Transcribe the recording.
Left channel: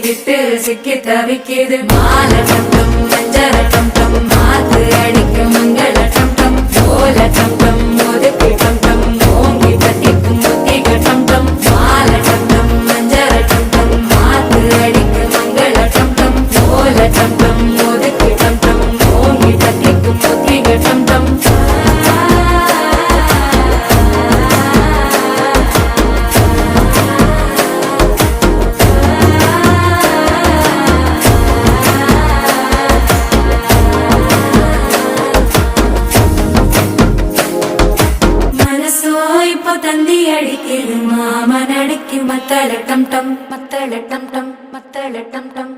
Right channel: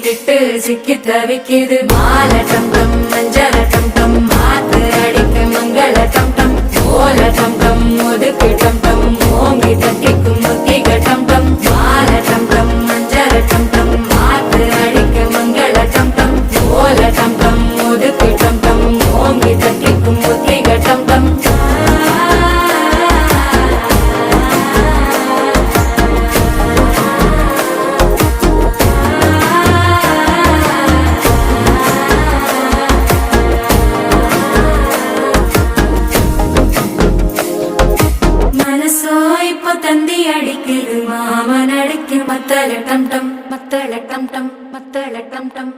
மாட்டிக்கிட்டு சிக்கி தவிக்குது மால டம் டம் மஞ்சள டம் டம் மாத்து அடிக்க மங்கள டம் டம் ஓல டம் டம் ஒதுக்கு டம் டம் ஓங்கி தட்டிக்கும் புத்திக டம் டம் மால டம் டம் மஞ்சள டம் டம் மாத்து அடிக்க மங்கள டம் டம் ஓல டம் டம் ஒதுக்கு டம் டம் ஓங்கி தட்டிக்கும் புத்திக டம் டம் இப்போ தந்தி அடிக்குது மாமன் அடிக்கு மத்தள டம் டம் மத்தள டம் டம் மத்தள டம் டம்